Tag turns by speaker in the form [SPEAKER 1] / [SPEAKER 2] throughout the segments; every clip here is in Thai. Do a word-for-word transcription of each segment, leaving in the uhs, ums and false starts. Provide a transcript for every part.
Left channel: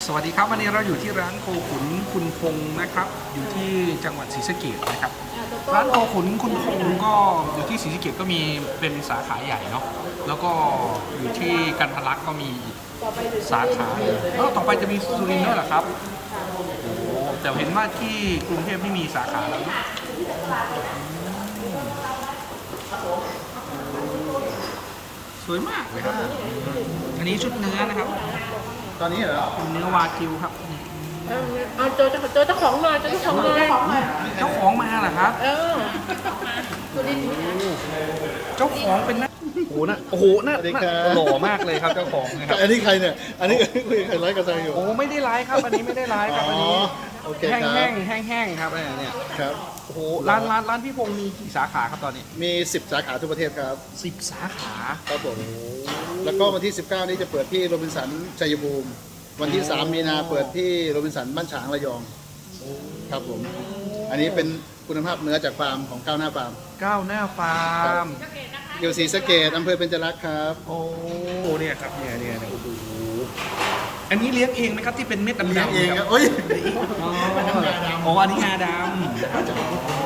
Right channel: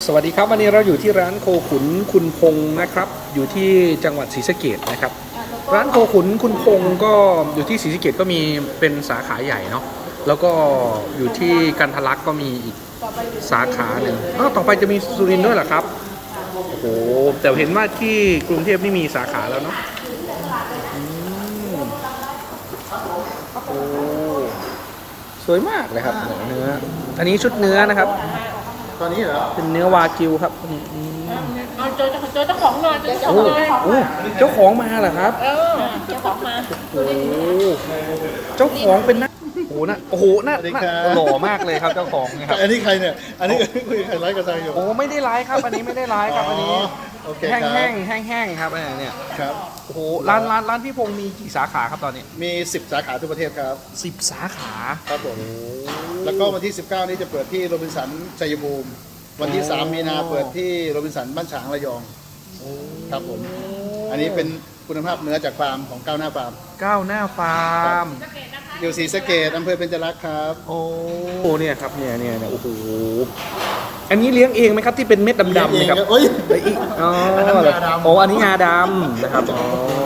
[SPEAKER 1] สวัสดีครับวันนี้เราอยู่ที่ร้านโคขุนคุณพงษ์นะครับอยู่ที่จังหวัดศรีสะเกษนะครับร้านโคขุนคุณพงษ์ก็อยู่ที่ศรีสะเกษก็มีเป็นสาขาใหญ่เนาะแล้วก็อยู่ที่กันทะลักก็มีอีกสาขาหนึ่งอ้าวต่อไปจะมีสุรินทร์ด้วยเหรอครับโอ้โหแต่เห็นว่าที่กรุงเทพนี่มีสาขาแล้วเนาะอืมโอ้สวยมากเลยครับเนื้ออันนี้ชุดเนื้อนะครับ
[SPEAKER 2] ตอนนี้เหรอ
[SPEAKER 1] เป็นเนื้อวากิวครับอืม
[SPEAKER 3] เอาเจอเจอเจ้าของหน่อยเจอเจ้าข
[SPEAKER 1] โอ้
[SPEAKER 3] องเลย
[SPEAKER 1] โอ้เจ้าของมาเหรอครับ
[SPEAKER 3] เออเจ้าของมา
[SPEAKER 1] โอ้เจ้าของเป็นนักโอ้โหนะโอ้โหน่าน่าหล่อมากเลยครับเจ้าของนะครับ
[SPEAKER 2] อันนี้ใครเนี่ย อันนี้คุยใครไลฟ์กับทางอยู่
[SPEAKER 1] โอ้ไม่ได้ร้ายครับ อันนี้ไม่ได้ร้ายครับ อันนี้
[SPEAKER 2] โอเค
[SPEAKER 1] แห้ง
[SPEAKER 2] ครับ
[SPEAKER 1] แห้งแห้งแห้งๆครับเนี่ยเนี่ย
[SPEAKER 2] ครับ
[SPEAKER 1] โอ้โหร้านร้านร้านพี่พงษ์มีกี่สาขาครับตอนนี้
[SPEAKER 2] มีสิบสาขาทั่วประเทศครับ
[SPEAKER 1] สิบสาขา
[SPEAKER 2] ครับผม แล้วก็วันที่สิบเก้านี้จะเปิดที่โรบินสันชัยภูมิ วันที่สามมีนาเปิดที่โรบินสันบ้านฉางระยอง ครับผม อันนี้เป็นคุณภาพเนื้อจากฟาร์มของก้าวหน้าฟาร์ม
[SPEAKER 1] ก้าวหน้าฟาร์ม
[SPEAKER 2] อยู่ศรีสะเกษอำเภอเบญจรักษ์ครับ
[SPEAKER 1] โอ้เนี่ยครับเนี่ยเนี่ยเนี่ยโอ้โหอันนี้เลี้ยงเองไหมครับที่เป็นเม็ดดำๆ
[SPEAKER 2] เอง
[SPEAKER 1] เนี่ยค
[SPEAKER 2] ค
[SPEAKER 1] รั
[SPEAKER 2] รั
[SPEAKER 1] บบ
[SPEAKER 2] โอ้ย
[SPEAKER 1] อ๋อ
[SPEAKER 2] อันนั้นงาดำ
[SPEAKER 1] โอ้อันนี้งาดำนะครับอ๋อ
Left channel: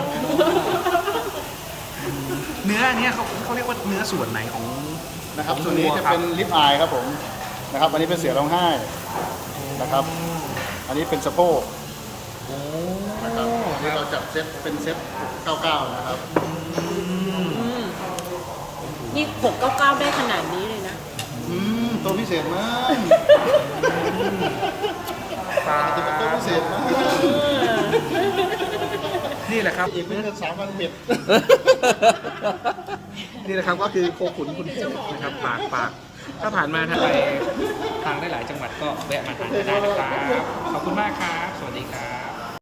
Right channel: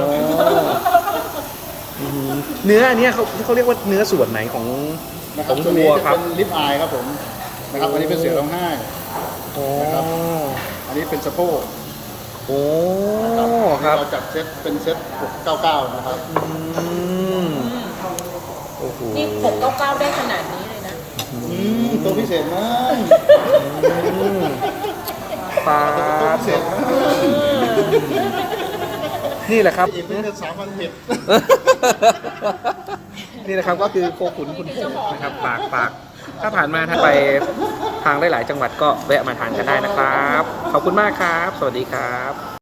[SPEAKER 1] อืมเนื้ออันเนี้ยเขาเขาเรียกว่าเนื้อส่วนไหนของ
[SPEAKER 2] นะค
[SPEAKER 1] ข
[SPEAKER 2] รับ
[SPEAKER 1] อง
[SPEAKER 2] ตัว
[SPEAKER 1] วั
[SPEAKER 2] นี้
[SPEAKER 1] ว
[SPEAKER 2] จะ
[SPEAKER 1] ครับ
[SPEAKER 2] เป็นลิปอายครับผม นะครับ อันนี้เป็นเสือร้องไห้
[SPEAKER 1] โอ้
[SPEAKER 2] นะครับ อันนี้เป็นสะโพก
[SPEAKER 1] โอ้
[SPEAKER 2] นะครับ
[SPEAKER 1] ค
[SPEAKER 2] นี่
[SPEAKER 1] รับ
[SPEAKER 2] เราจัดเซตเป็นเซตหกเก้าเก้านะครับ
[SPEAKER 1] อืมโอ้โห
[SPEAKER 3] นี่หกเก้าเก้าได้ขนาดนี้เลยนะ
[SPEAKER 2] อืมตัวพิเศษมาก
[SPEAKER 1] อืมปลา
[SPEAKER 2] ตัวเป็นตัวพิเศษมาก
[SPEAKER 1] นี่แหละครับ
[SPEAKER 2] อีกไม่เกินสามวันเผ็ด
[SPEAKER 1] นี่แหละครับก็คือโคขุนคุณพงษ์นะครับฝากฝากถ้าผ่านมาทางไปทางหลายๆจังหวัดก็แวะมาทานกันได้นะครับ ขอบคุณมากครับ สวัสดีครับ